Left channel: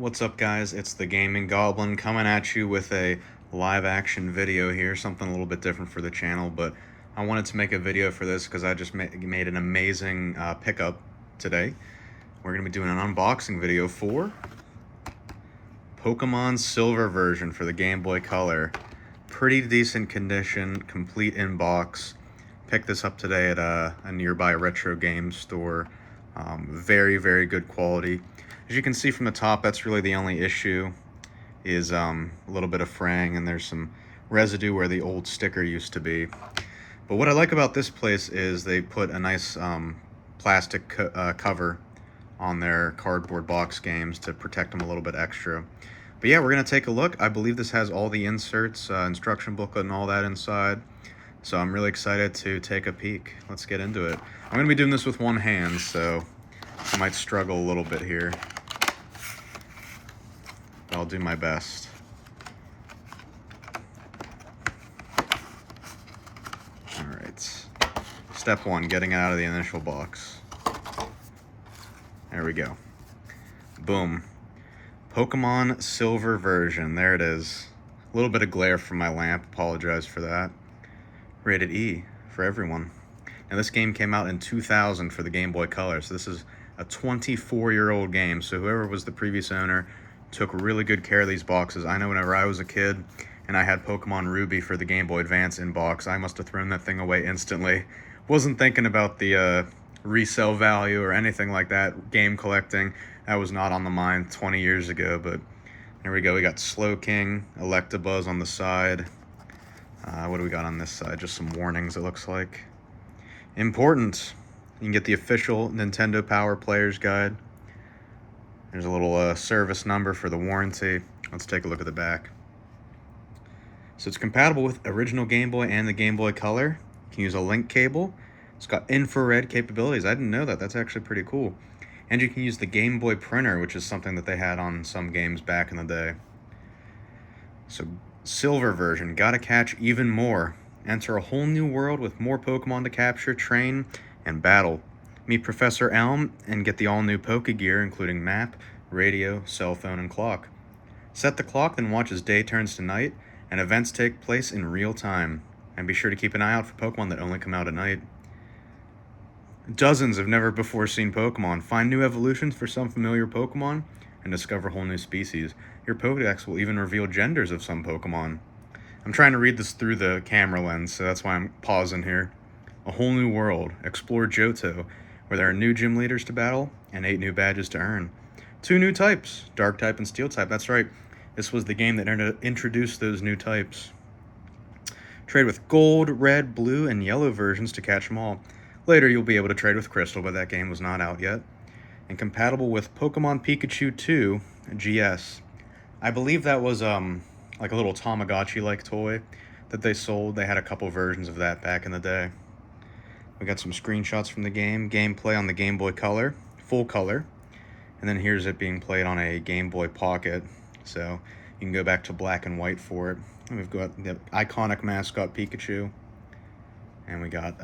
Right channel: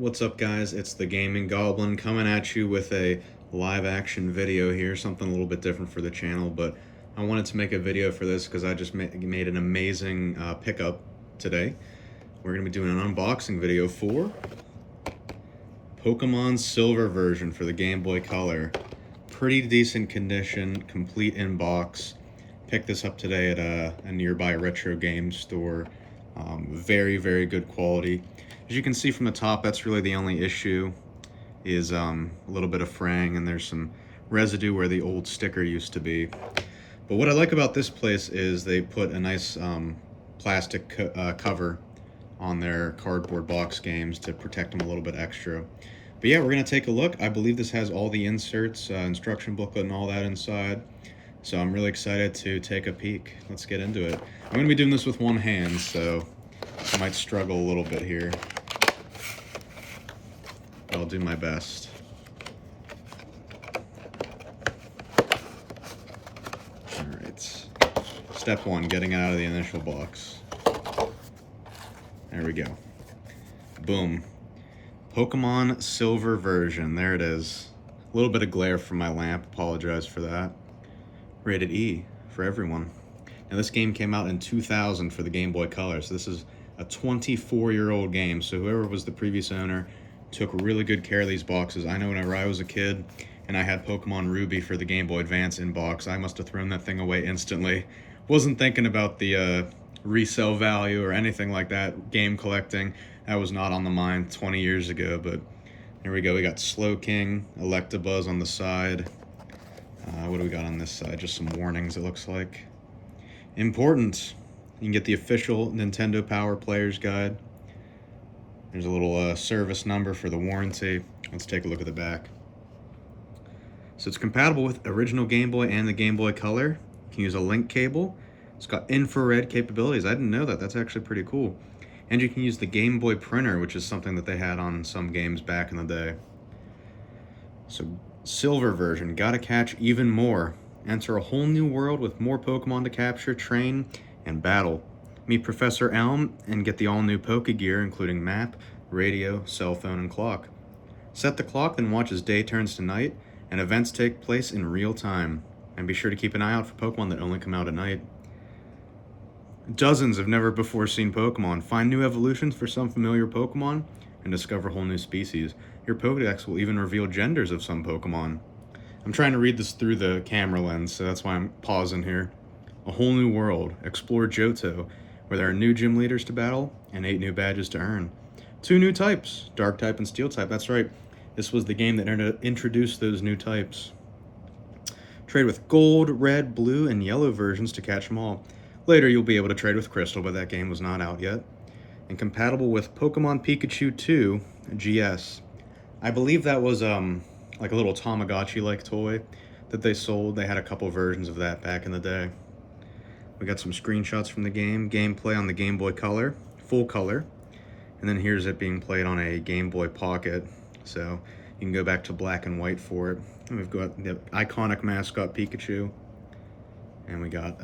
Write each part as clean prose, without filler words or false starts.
What's up, guys? It's the Gaming Goblin coming at you with a live action video here, something a little bit different for the channel, but I wanted to make a video for this because I just made an amazing pickup today. We're going to be doing an unboxing video for Pokemon Silver version for the Game Boy Color. Pretty decent condition, complete in box. Picked this up today at a nearby retro game store. Very, very good quality. As you can see from the top, that's really the only issue, is a little bit of fraying, and there's some residue where the old sticker used to be. But what I like about this place is they put a nice plastic cover on their cardboard box games to protect them a little bit extra. But yeah, we're going to take a look. I believe this has all the inserts, instruction booklet and all that inside. So I'm really excited to take a peek. Let's get into it. I'm going to be doing this with one hand, so I might struggle a little bit here. I'll do my best. Alright. Step one, getting out of the initial box. There we go. Boom. Pokemon Silver version. There it is. A little bit of glare from my lamp. Apologize for that. Rated E for everyone. Now this game came out in 2000 for the Game Boy Color, so this is a 24-year-old game. So whoever was the previous owner took really good care of these boxes. I know whenever I was a kid and I had Pokemon Ruby for the Game Boy Advance in box, I must have thrown that thing away instantly. Wasn't thinking about the resale value or anything like that. Game collecting, that was not on the mind 20 years ago, but here we go. We got Slowking, Electabuzz on the side. What do we got on this side? Just some warnings, it looks like. Important. You can get the official Nintendo Power Player's Guide. There's a little service number for the warranty. Let's take a look at the back. So it's compatible with original Game Boy and the Game Boy Color. You can use a link cable. It's got infrared capabilities. I didn't know that. That's actually pretty cool. And you can use the Game Boy printer, which is something that they had on some games back in the day. So Silver version, gotta catch even more. Enter a whole new world with more Pokemon to capture, train, and battle. Meet Professor Elm and get the all-new Pokegear, including map, radio, cell phone, and clock. Set the clock, then watch as day turns to night, and events take place in real time. And be sure to keep an eye out for Pokemon that only come out at night. Dozens of never-before-seen Pokemon. Find new evolutions for some familiar Pokemon, and discover whole new species. Your Pokedex will even reveal genders of some Pokemon. I'm trying to read this through the camera lens, so that's why I'm pausing here. A whole new world. Explore Johto, where there are new gym leaders to battle and 8 new badges to earn. 2 new types, Dark type and Steel type. That's right, this was the game that introduced those new types. Trade with Gold, Red, Blue, and Yellow versions to catch them all. Later you'll be able to trade with Crystal, but that game was not out yet. And compatible with Pokemon Pikachu 2 GS. I believe that was like a little Tamagotchi-like toy that they sold. They had a couple versions of that back in the day. We got some screenshots from the game, gameplay on the Game Boy Color, full color, and then here's it being played on a Game Boy Pocket, so you can go back to black and white for it. And we've got the iconic mascot Pikachu, and we got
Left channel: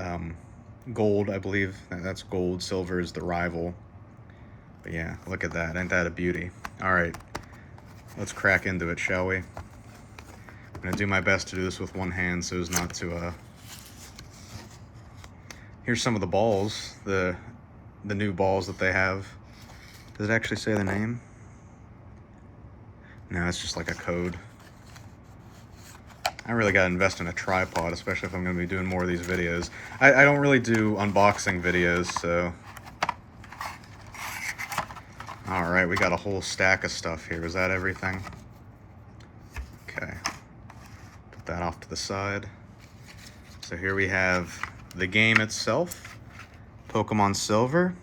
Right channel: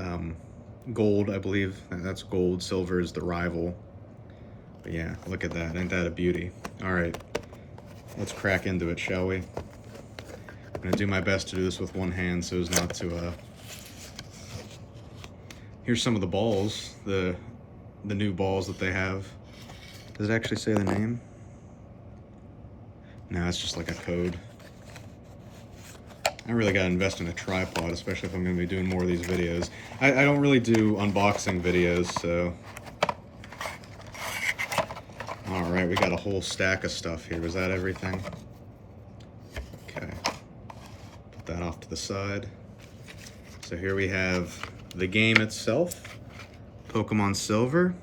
Gold, I believe. That's Gold. Silver is the rival. But yeah, look at that. Ain't that a beauty? All right, let's crack into it, shall we? I'm going to do my best to do this with one hand so as not to... Here's some of the balls, the new balls that they have. Does it actually say the name? No, it's just like a code. I really gotta invest in a tripod, especially if I'm gonna be doing more of these videos. I don't really do unboxing videos, so... Alright, we got a whole stack of stuff here. Was that everything? Okay. Put that off to the side. So here we have the game itself, Pokemon Silver.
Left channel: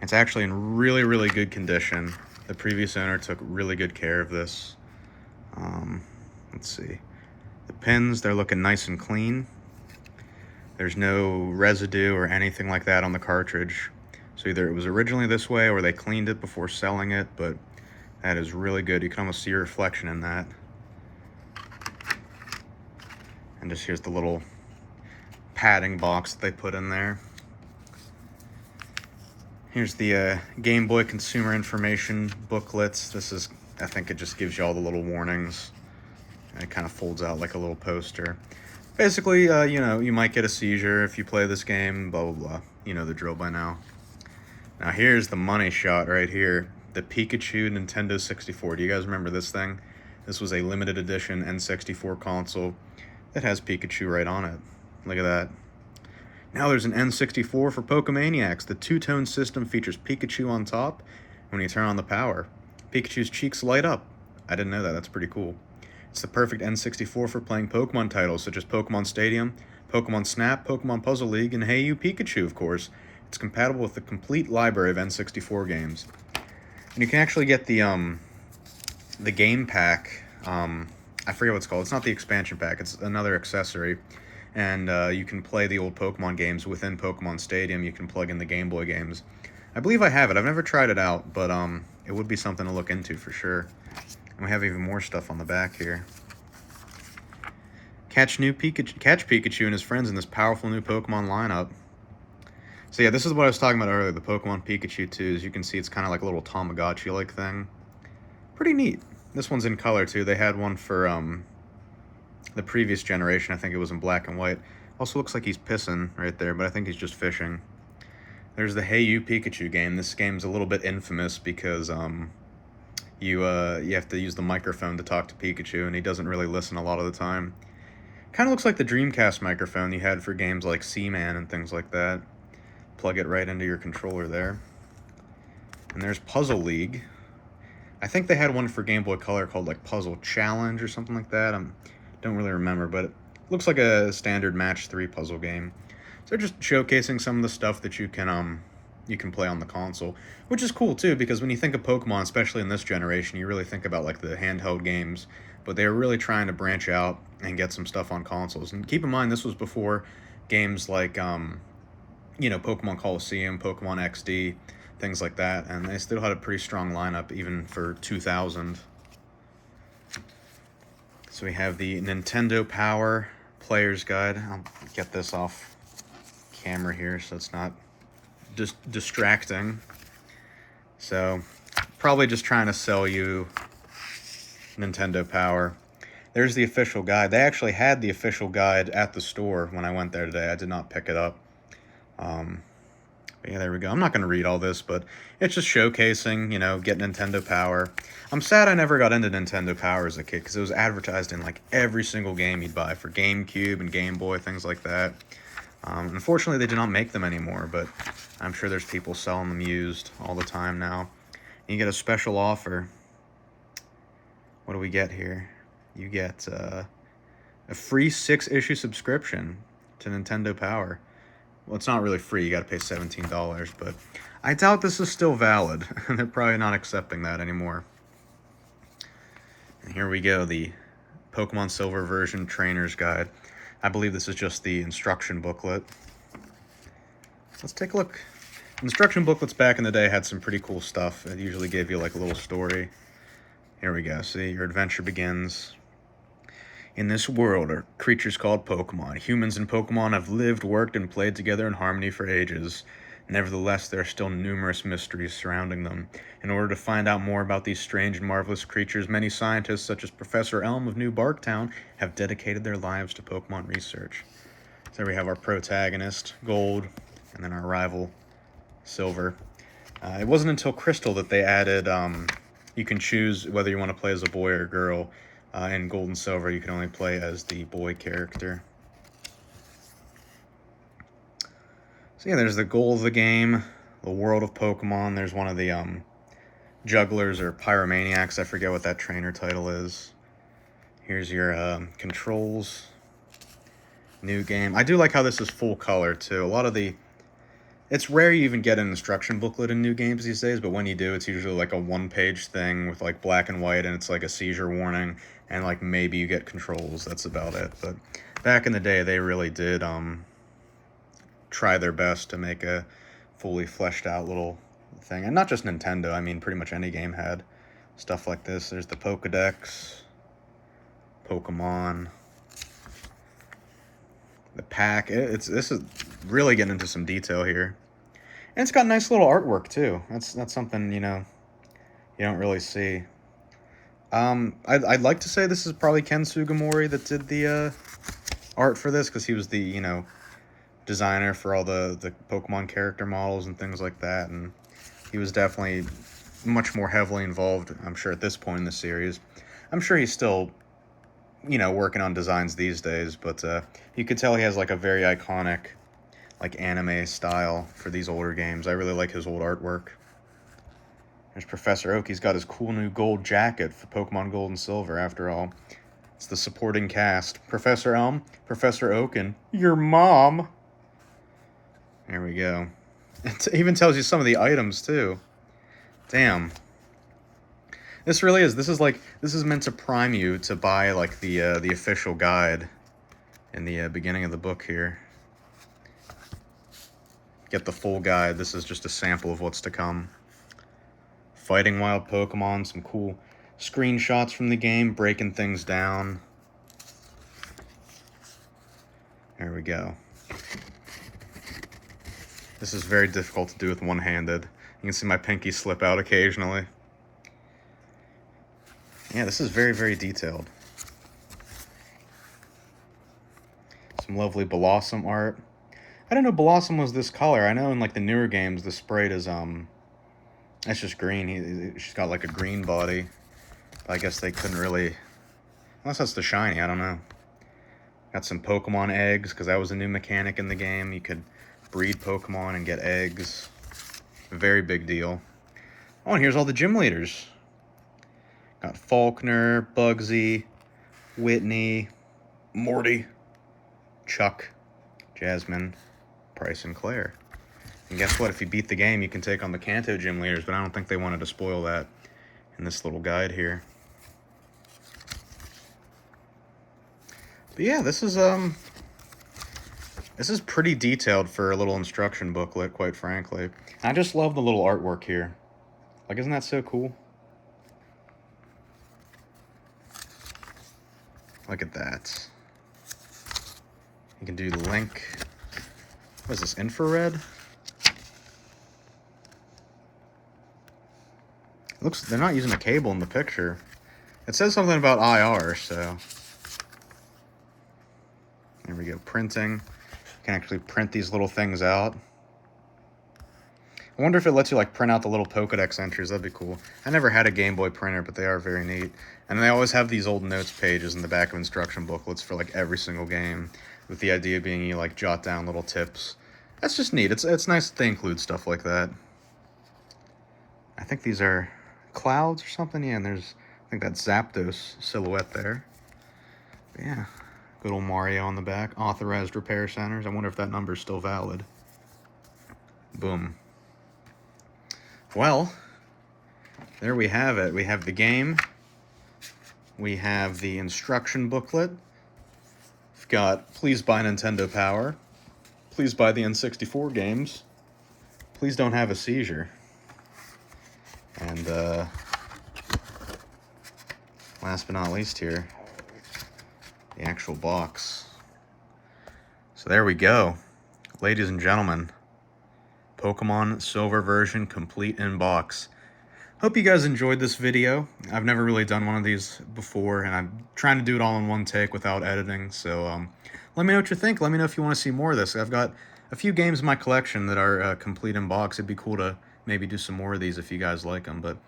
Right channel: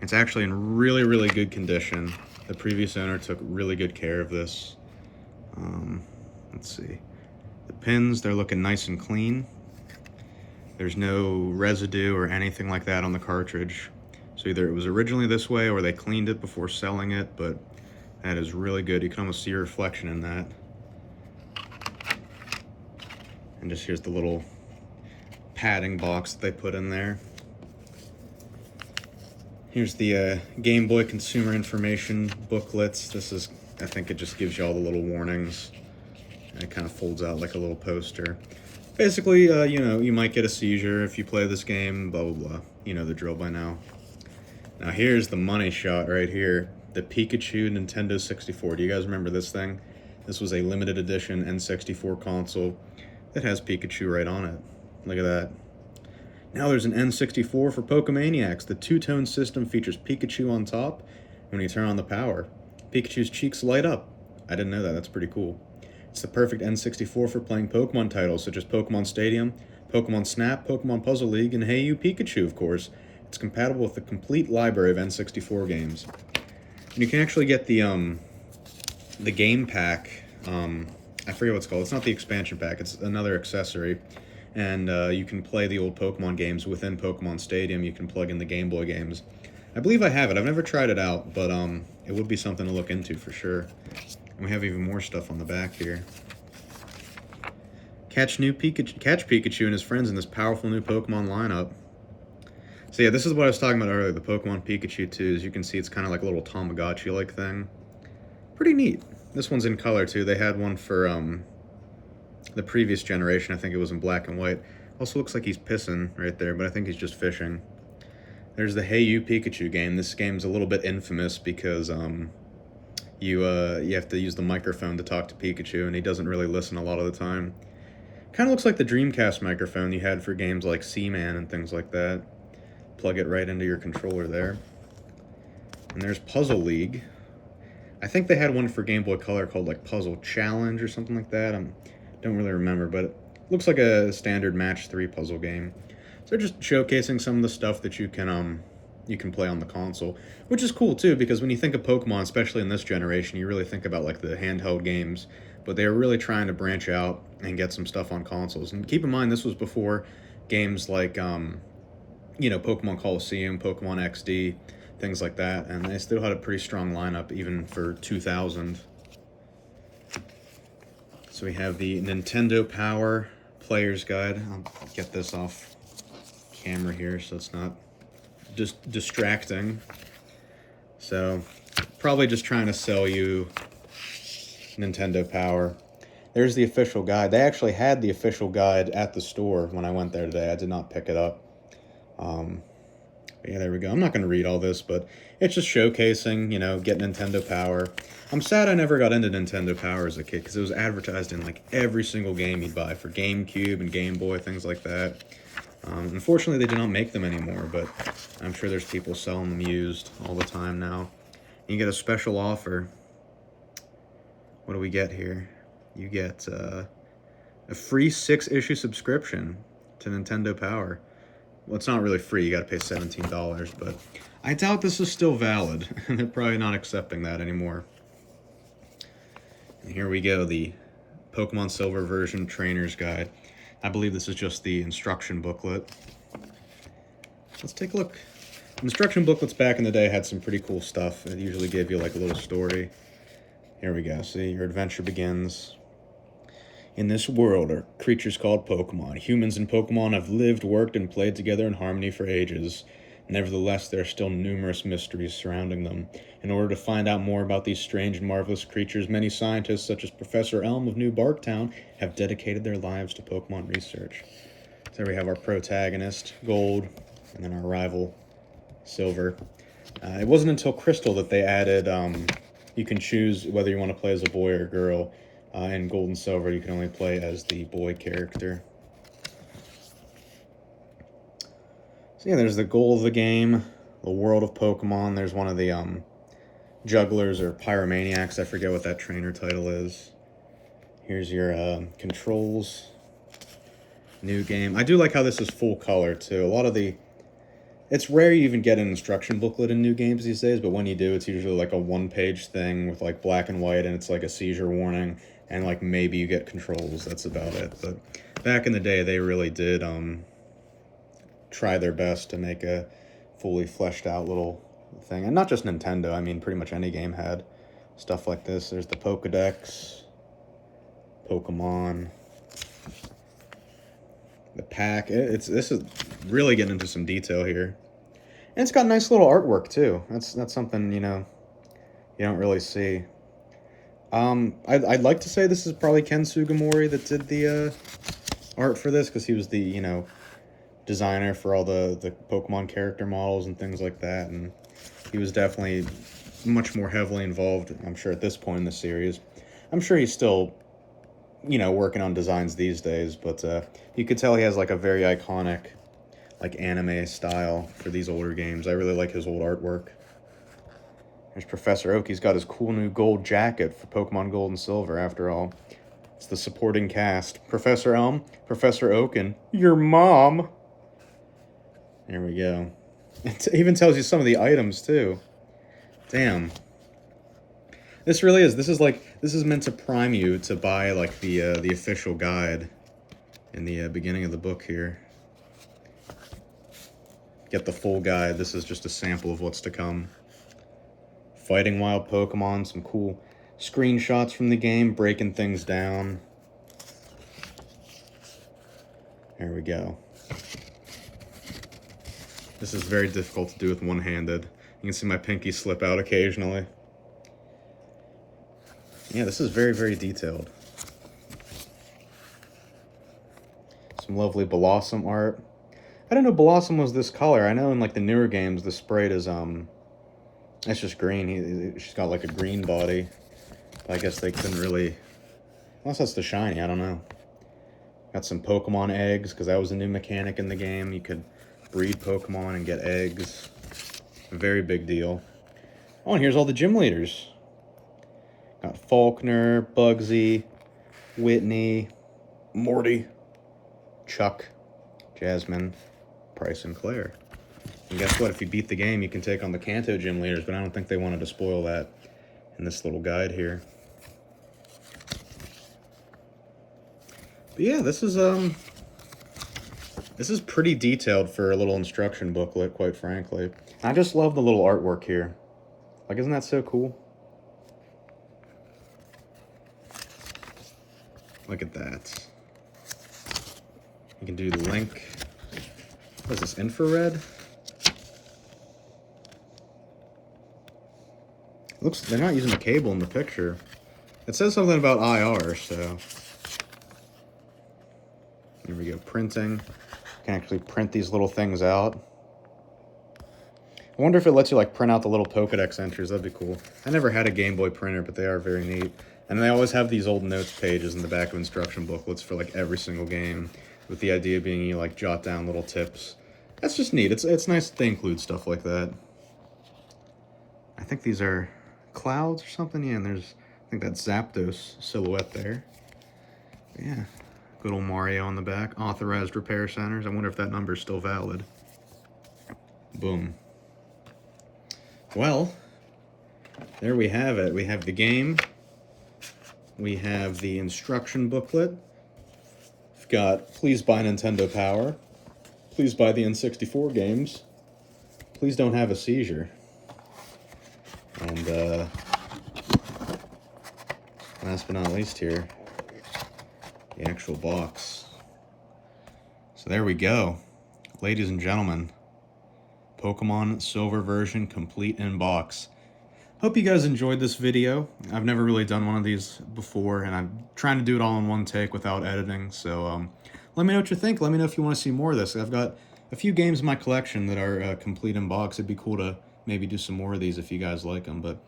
It's actually in really, really good condition. The previous owner took really good care of this. Let's see. The pins, they're looking nice and clean. There's no residue or anything like that on the cartridge. So either it was originally this way or they cleaned it before selling it, but that is really good. You can almost see your reflection in that. And just here's the little padding box that they put in there. Here's the Game Boy consumer information booklets. This is, I think it just gives you all the little warnings. And it kind of folds out like a little poster. Basically, you know, you might get a seizure if you play this game, blah, blah, blah. You know the drill by now. Now here's the money shot right here. The Pikachu Nintendo 64. Do you guys remember this thing? This was a limited edition N64 console that has Pikachu right on it. Look at that. Now there's an N64 for Pokemaniacs. The two-tone system features Pikachu on top. When you turn on the power, Pikachu's cheeks light up. I didn't know that. That's pretty cool. It's the perfect N64 for playing Pokemon titles such as Pokemon Stadium, Pokemon Snap, Pokemon Puzzle League, and Hey You Pikachu, of course. It's compatible with the complete library of N64 games. And you can actually get the game pack. I forget what it's called. It's not the expansion pack. It's another accessory. And you can play the old Pokemon games within Pokemon Stadium. You can plug in the Game Boy games. I believe I have it. I've never tried it out, but it would be something to look into for sure. And we have even more stuff on the back here. Catch Pikachu and his friends in this powerful new Pokemon lineup. So yeah, this is what I was talking about earlier, the Pokemon Pikachu 2. As you can see, it's kind of like a little Tamagotchi-like thing. Pretty neat. This one's in color, too. They had one for the previous generation. I think it was in black and white. Also looks like he's pissing right there, but I think he's just fishing. There's the Hey You Pikachu game. This game's a little bit infamous because you have to use the microphone to talk to Pikachu, and he doesn't really listen a lot of the time. Kind of looks like the Dreamcast microphone you had for games like Seaman and things like that. Plug it right into your controller there. And there's Puzzle League. I think they had one for Game Boy Color called like Puzzle Challenge or something like that. I don't really remember, but it looks like a standard match 3 puzzle game. So they're just showcasing some of the stuff that you can play on the console, which is cool too, because when you think of Pokemon, especially in this generation, you really think about like the handheld games, but they were really trying to branch out and get some stuff on consoles. And keep in mind, this was before games like you know, Pokemon Coliseum, Pokemon XD, things like that, and they still had a pretty strong lineup even for 2000. So we have the Nintendo Power Player's Guide. I'll get this off camera here so it's not just distracting. So probably just trying to sell you Nintendo Power. There's the official guide. They actually had the official guide at the store when I went there today. I did not pick it up. But yeah, there we go. I'm not going to read all this, but it's just showcasing, you know, get Nintendo Power. I'm sad I never got into Nintendo Power as a kid because it was advertised in like every single game you'd buy for GameCube and Game Boy, things like that. Unfortunately, they do not make them anymore, but I'm sure there's people selling them used all the time now. You get a special offer. What do we get here? You get a free 6-issue subscription to Nintendo Power. Well, it's not really free. You got to pay $17, but I doubt this is still valid. They're probably not accepting that anymore. And here we go, the Pokemon Silver version trainer's guide. I believe this is just the instruction booklet. Let's take a look. Instruction booklets back in the day had some pretty cool stuff. It usually gave you like a little story. Here we go. See, your adventure begins. In this world are creatures called Pokemon. Humans and Pokemon have lived, worked, and played together in harmony for ages. Nevertheless, there are still numerous mysteries surrounding them. In order to find out more about these strange and marvelous creatures, many scientists, such as Professor Elm of New Barktown, have dedicated their lives to Pokemon research. So there we have our protagonist, Gold, and then our rival, Silver. It wasn't until Crystal that they added, you can choose whether you want to play as a boy or a girl. In Gold and Silver, you can only play as the boy character. So yeah, there's the goal of the game, the world of Pokemon. There's one of the jugglers or pyromaniacs. I forget what that trainer title is. Here's your controls. New game. I do like how this is full color too. A lot of the... It's rare you even get an instruction booklet in new games these days, but when you do, it's usually like a 1-page thing with like black and white, and it's like a seizure warning, and like maybe you get controls. That's about it. But back in the day, they really did try their best to make a fully fleshed out little thing. And not just Nintendo, I mean pretty much any game had stuff like this. There's the Pokedex, Pokemon, the pack. This is really getting into some detail here. And it's got nice little artwork, too. That's something, you know, you don't really see. I'd like to say this is probably Ken Sugimori that did the art for this, because he was the, you know, designer for all the Pokemon character models and things like that, and he was definitely much more heavily involved, I'm sure, at this point in the series. I'm sure he's still, you know, working on designs these days, but you could tell he has, like, a very iconic, like, anime style for these older games. I really like his old artwork. There's Professor Oak. He's got his cool new gold jacket for Pokemon Gold and Silver, after all. It's the supporting cast. Professor Elm, Professor Oak, and your mom. There we go. It even tells you some of the items, too. Damn. This really is. This is meant to prime you to buy, like, the official guide in the beginning of the book here. Get the full guide. This is just a sample of what's to come. Fighting wild Pokemon, some cool screenshots from the game, breaking things down. There we go. This is very difficult to do with one-handed. You can see my pinky slip out occasionally. Yeah, this is very, very detailed. Some lovely Blossom art. I didn't know Blossom was this color. I know in, like, the newer games, the sprite is, it's just green. She's got, like, a green body. But I guess they couldn't really... Unless that's the shiny, I don't know. Got some Pokemon eggs, because that was a new mechanic in the game. You could breed Pokemon and get eggs. Very big deal. Oh, and here's all the gym leaders. Got Faulkner, Bugsy, Whitney, Morty, Chuck, Jasmine, Bryce, and Claire. And guess what? If you beat the game, you can take on the Kanto gym leaders, but I don't think they wanted to spoil that in this little guide here. But yeah, this is pretty detailed for a little instruction booklet, quite frankly. I just love the little artwork here. Like, isn't that so cool? Look at that. You can do the link. What is this, infrared? Looks, they're not using a cable in the picture. It says something about IR, so. There we go, printing. You can actually print these little things out. I wonder if it lets you, like, print out the little Pokedex entries. That'd be cool. I never had a Game Boy printer, but they are very neat. And they always have these old notes pages in the back of instruction booklets for, like, every single game, with the idea being you, like, jot down little tips. That's just neat. It's nice that they include stuff like that. I think these are clouds or something. Yeah, and there's, I think that's Zapdos silhouette there. But yeah, good old Mario on the back. Authorized repair centers. I wonder if that number is still valid. Boom. Well, there we have it. We have the game. We have the instruction booklet. We've got Please Buy Nintendo Power. Please buy the N64 games. Please don't have a seizure. And last but not least here, the actual box. So there we go. Ladies and gentlemen, Pokemon Silver version complete in box. Hope you guys enjoyed this video. I've never really done one of these before, and I'm trying to do it all in one take without editing, so let me know what you think. Let me know if you want to see more of this. I've got a few games in my collection that are complete in box. It'd be cool to maybe do some more of these if you guys like them, but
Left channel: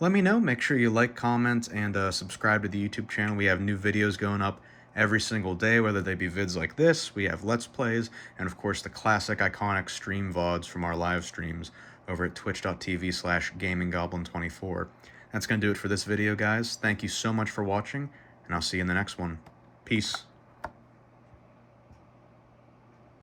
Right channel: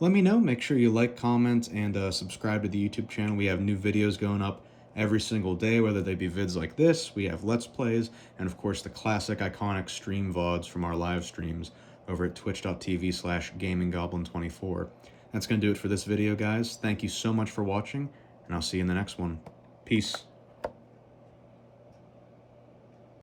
let me know. Make sure you like, comment, and subscribe to the YouTube channel. We have new videos going up every single day, whether they be vids like this, we have Let's Plays, and of course the classic iconic stream VODs from our live streams over at twitch.tv/gaminggoblin24. That's going to do it for this video, guys. Thank you so much for watching, and I'll see you in the next one. Peace.